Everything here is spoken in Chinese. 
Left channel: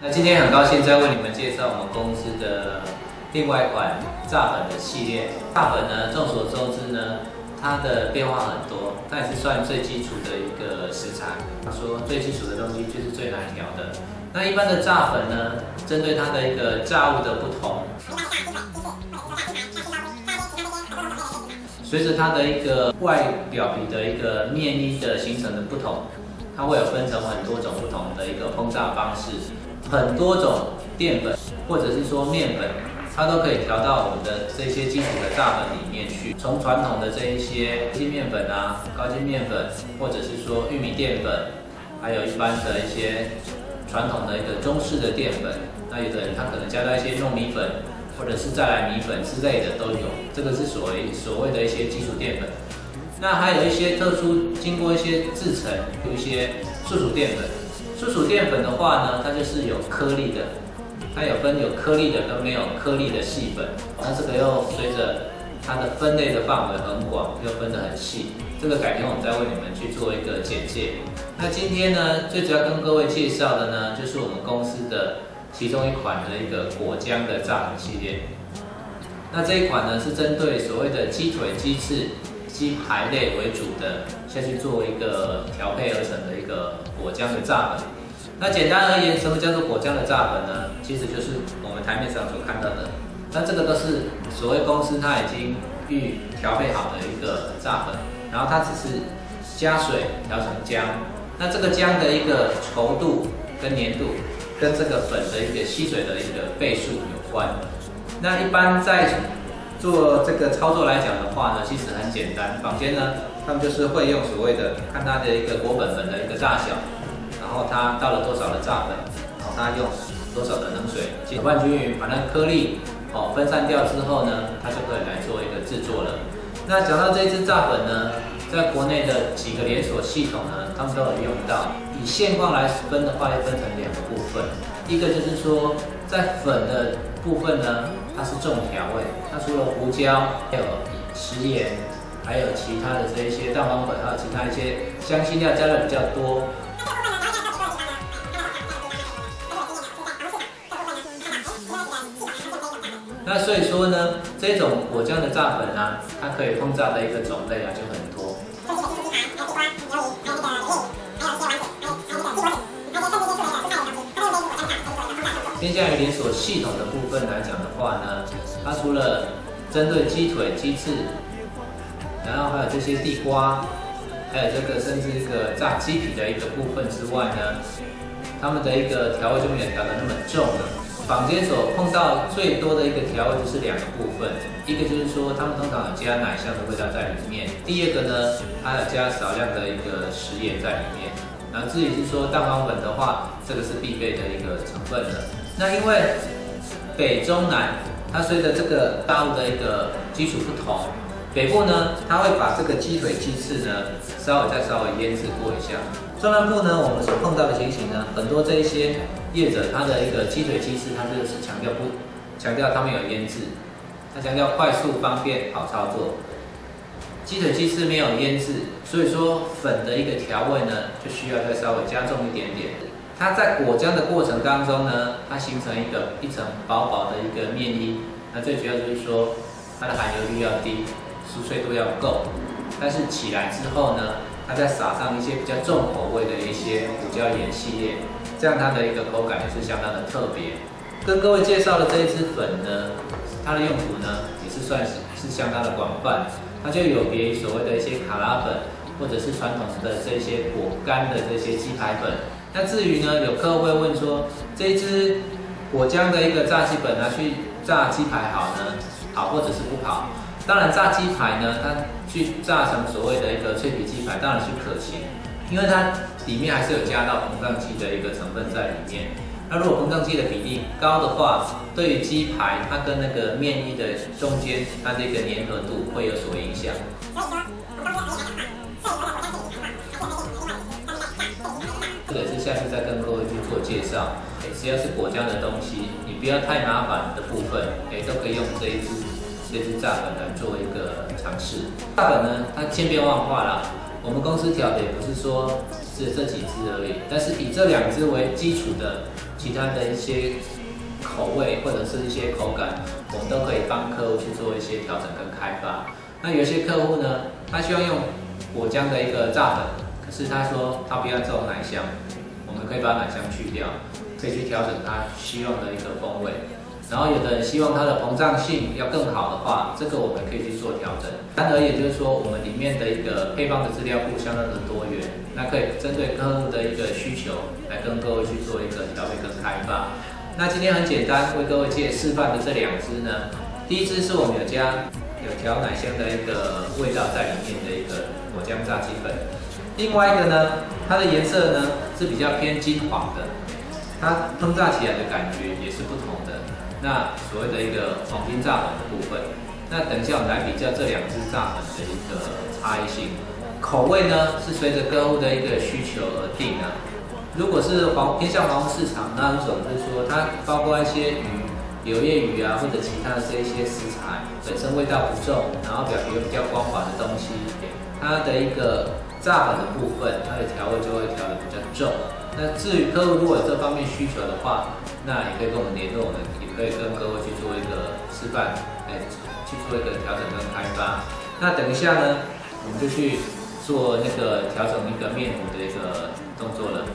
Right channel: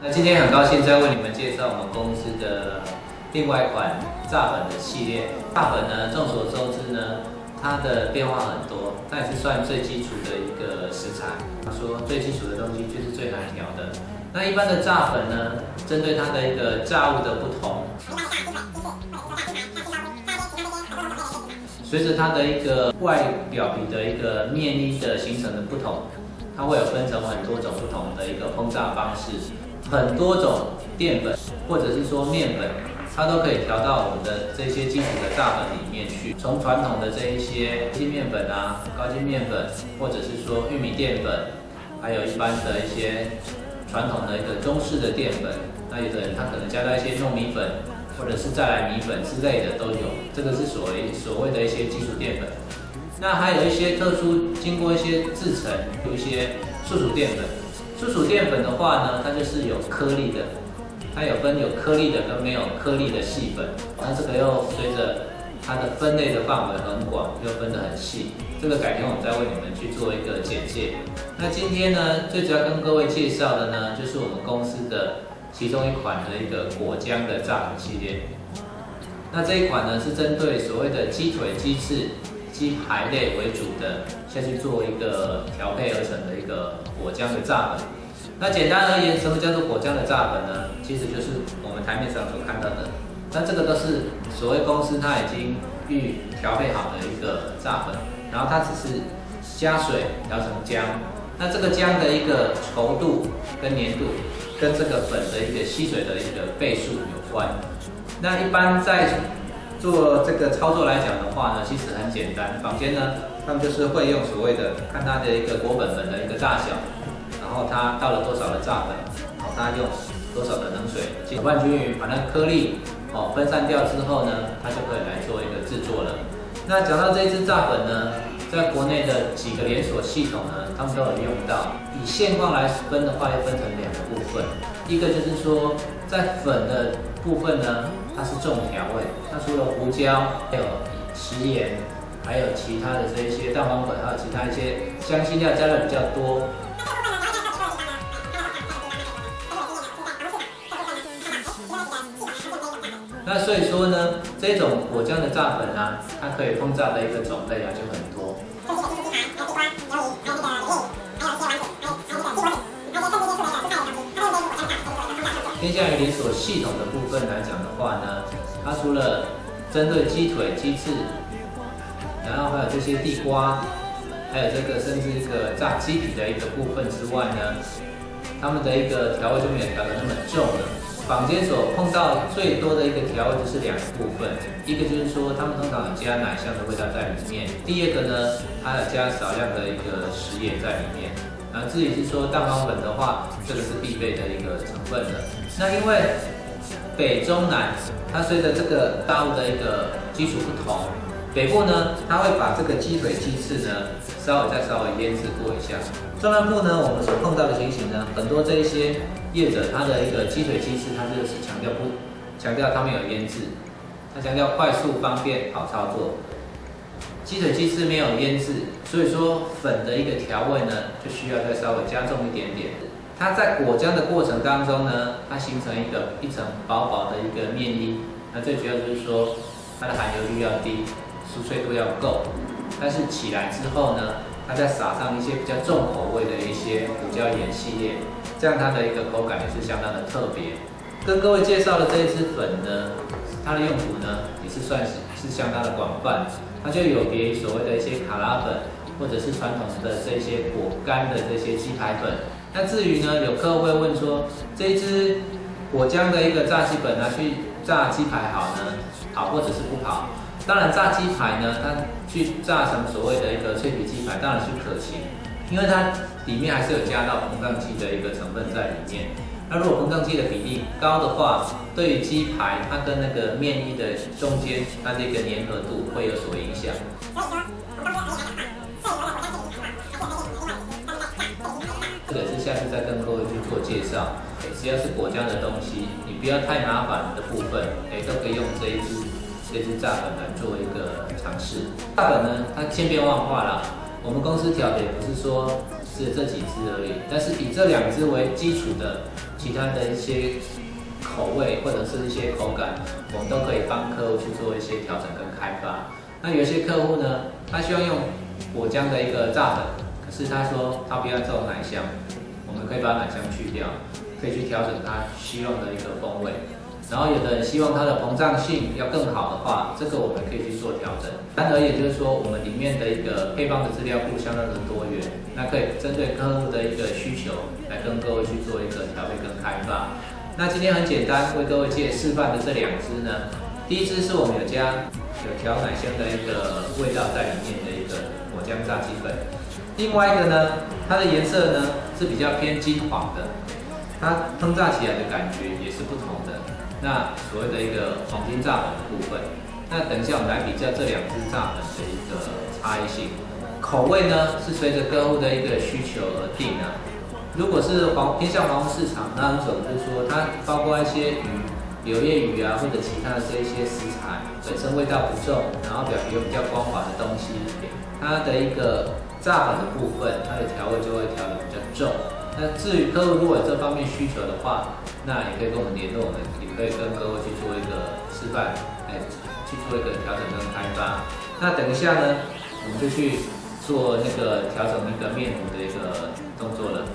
那今天很高兴再为你们介绍我们公司的另外一款炸粉的系列。炸粉呢，众所周知呢，它的变化很多，它也是算最基础的一个食材。说最基础的东西就是最难调的。那一般的炸粉呢，针对它的一个炸物的不同，随着它的一个外表皮的一个面衣的形成的不同，它会有分成很多种不同的一个烹炸方式。很多种淀粉或者是说面粉，它都可以调到我们的这些基础的炸粉里面去。从传统的这一些精面粉啊、高筋面粉，或者是说玉米淀粉，还有一般的一些传统的一个中式的淀粉，那有的人他可能加到一些糯米粉，或者是再来米粉之类的都有。这个是所谓的一些基础淀粉。那还有一些特殊经过一些制成，有一些素薯淀粉。素薯淀粉的话呢，它就是有颗粒的，它有分有颗粒的跟没有颗粒的细粉。那这个又随着它的分类的范围很广，又分得很细。这个改天我们再为你们去做一个简介。那今天呢，最主要跟各位介绍的呢，就是我们公司的其中一款的一个果浆的炸粉系列。那这一款呢，是针对所谓的鸡腿、鸡翅、鸡排类为主的，下去做一个调配而成的一个果浆的炸粉。那简单而言，什么叫做果浆的炸粉呢？其实就是我们台面上所看到的。那这个都是所谓公司它已经预调配好的一个炸粉，然后它只是加水调成浆。那这个浆的一个稠度跟粘度，跟这个粉的一个吸水的一个倍数有关。那一般在做这个操作来讲的话呢，其实很简单。坊间呢，他们就是会用所谓的看它的一个果粉的一个大小，然后它到了多少的炸粉，然后它用多少的冷水搅拌均匀，把那颗粒分散掉之后呢，它就可以来做一个制作了。那讲到这支炸粉呢，在国内的几个连锁系统呢，他们都有用到。以现况来分的话，要分成两个部分，一个就是说在粉的部分呢，它是重调味，它除了胡椒，还有食盐，还有其他的这一些蛋黄粉，还有其他一些香辛料加的比较多。那所以说呢，这种果浆的炸粉啊，它可以烹炸的一个种类啊就很多。偏向于连锁系统的部分来讲的话呢，它除了针对鸡腿、鸡翅，然后还有这些地瓜，还有这个甚至一个炸鸡皮的一个部分之外呢，他们的一个调味就没有调得那么重了。坊间所碰到最多的一个调味就是两个部分，一个就是说他们通常有加奶香的味道在里面，第二个呢，它有加少量的一个食盐在里面。然后至于是说蛋黄粉的话，这个是必备的一个成分了。那因为北中南它随着这个大物的一个基础不同，北部呢，它会把这个鸡腿、鸡翅呢稍微腌制过一下。中南部呢，我们所碰到的情形呢，很多这一些业者他的一个鸡腿、鸡翅，他就是强调他们有腌制，他强调快速、方便、好操作。鸡腿、鸡翅没有腌制，所以说粉的一个调味呢，就需要再稍微加重一点点。它在果浆的过程当中呢，它形成一层薄薄的一个面衣。那最主要就是说，它的含油率要低，酥脆度要够。但是起来之后呢，它再撒上一些比较重口味的一些胡椒盐系列，这样它的一个口感也是相当的特别。跟各位介绍的这一支粉呢，它的用途呢也是算是相当的广泛。它就有别于所谓的一些卡拉粉，或者是传统的这些果干的这些鸡排粉。那至于呢，有客户会问说，这一支果浆的一个炸鸡粉拿去炸鸡排好呢，好或者是不好？当然，炸鸡排呢，它去炸成所谓的一个脆皮鸡排，当然是可行，因为它里面还是有加到膨胀剂的一个成分在里面。那如果膨胀剂的比例高的话，对于鸡排它跟那个面衣的中间，它的一个粘合度会有所影响。这个也是下次再跟各位去做介绍。只要是果浆的东西，你不要太麻烦的部分，都可以用这支炸粉来做一个尝试。炸粉呢，它千变万化啦。我们公司调的也不是说只这几支而已，但是以这2支为基础的其他的一些口味或者是一些口感，我们都可以帮客户去做一些调整跟开发。那有些客户呢，他希望用果浆的一个榨粉，可是他说他不要这种奶香，我们可以把奶香去掉，可以去调整他希望的一个风味。然后有的人希望它的膨胀性要更好的话，这个我们可以去做调整。单而言就是说，我们里面的一个配方的资料库相当的多元，那可以针对客户的一个需求来跟各位去做一个调配跟开发。那今天很简单为各位示范的这2支呢，第一支是我们有调奶香的一个味道在里面的一个果浆炸鸡粉，另外一个呢，它的颜色呢是比较偏金黄的，它烹炸起来的感觉也是不同的。那所谓的一个黄金炸粉的部分，那等一下我们来比较这2支炸粉的一个差异性。口味呢是随着客户的一个需求而定的。如果是偏向黄市场那一种，就是说它包括一些鱼、柳叶鱼啊，或者其他的这一些食材，本身味道不重，然后表皮又比较光滑的东西，它的一个炸粉的部分，它的调味就会调得比较重。那至于客户如果有这方面需求的话，那也可以跟我们联络，我们也可以跟各位去做一个示范，去做一个调整跟开发。那等一下呢，我们就去做那个调整一个面糊的一个动作了。